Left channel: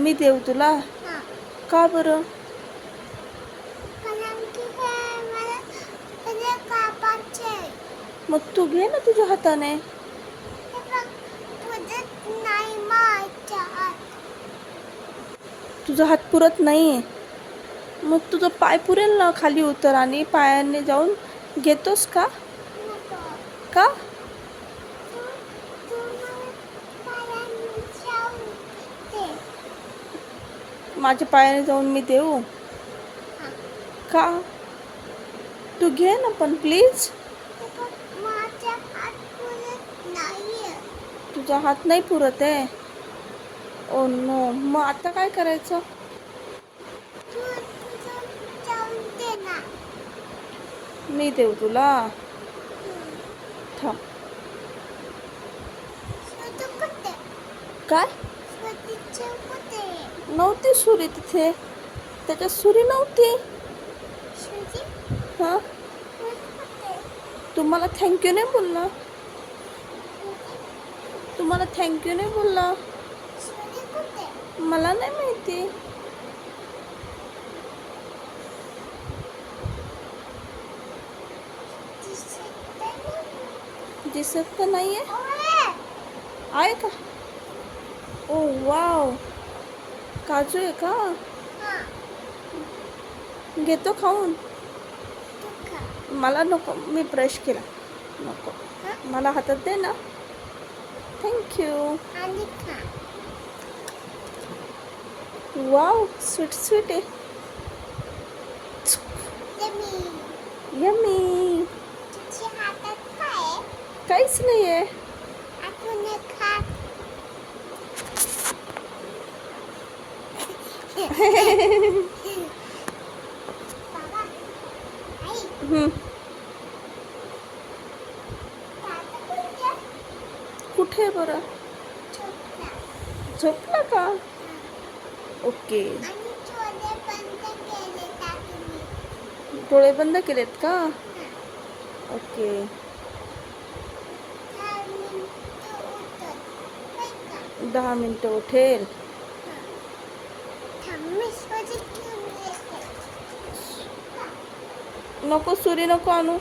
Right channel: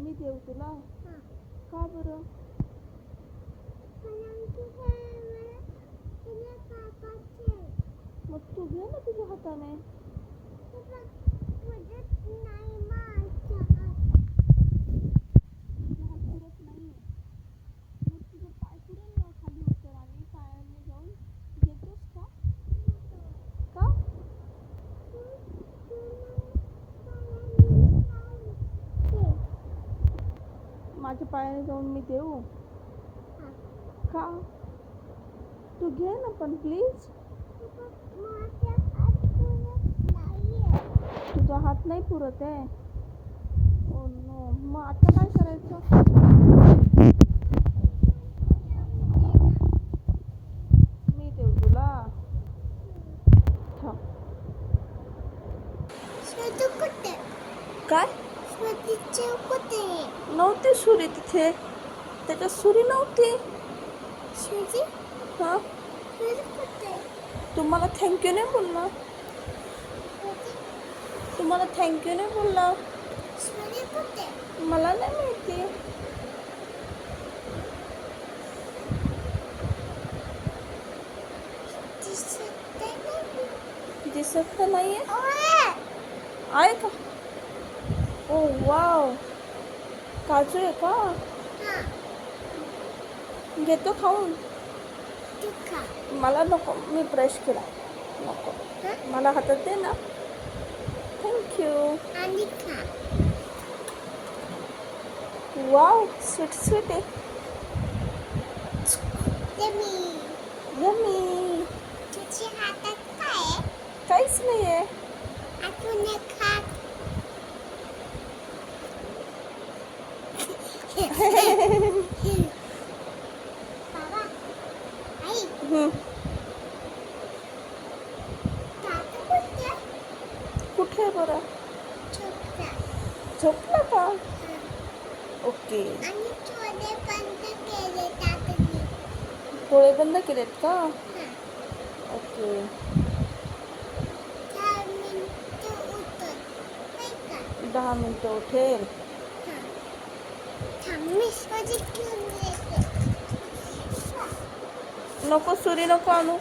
मी देऊ तुला? हा. का बरं? कारण की हे मला हे कापायचे. मग तू घे ना तुझ्या हाताने. हे बघ, तुझं नाही माझ्या हात. तुझा हात पुरत नाही. मग तुझा पाय पुरेल ना, खाली उतर आणि पायाने जाऊन घेतोस का? नको. का? तू तू मला पायाने जाऊ दे. माझ्या पायाने जाऊन मी देऊ? हा. का? तू घे ना पण प्लीज. हे बघ, माझ्या हात पुरत नाहीये. तुझा हात नाही पुरत आहे? ओ नो, मग आता काय करायचं? तू तुझं जाऊन दे ना. मी देऊ तुला? थांब. शोधू कुठे? काय? शोधीचे कुठे? नव्हती सुरी तिथे. त्याच्यात सुरी नव्हती. सुजी? हां, सुजी कुठे? तू मला थँक्यू नाही बोलला. सुजी? तू मला थँक्यू नाही बोलला. सुजी कुठे? मला नाही माहिती. दिसत नाही. दिसत तर नाही आहे. ओए! आहे का? ओ वाव, काजू आहे का? हा, घेतो खाऊन. तू खा. मला नको, मी ब्रश केला. नको, हा? मला हातात दे ना. थँक्यू. आणि खा. वाव, स्वीट स्वीट आहे. यम्मी. यम्मी. तुझ्या हातात काय आहे? काहीच नाही आहे. अजून एक खा. बाबा, आई, दादा कुठे? कुठे आहे बरं? झोपला. झोपलं का? हा. ओके. आणि डोळे बंद केले दादानी. डोळे बंद केलेत का? हा. ओके. 4 मिनिटं उठत. होय का? 10 मिनिटं उठेल. हा. थांब, मी शोधून घेऊन येते. नको, सुरी नको आणू.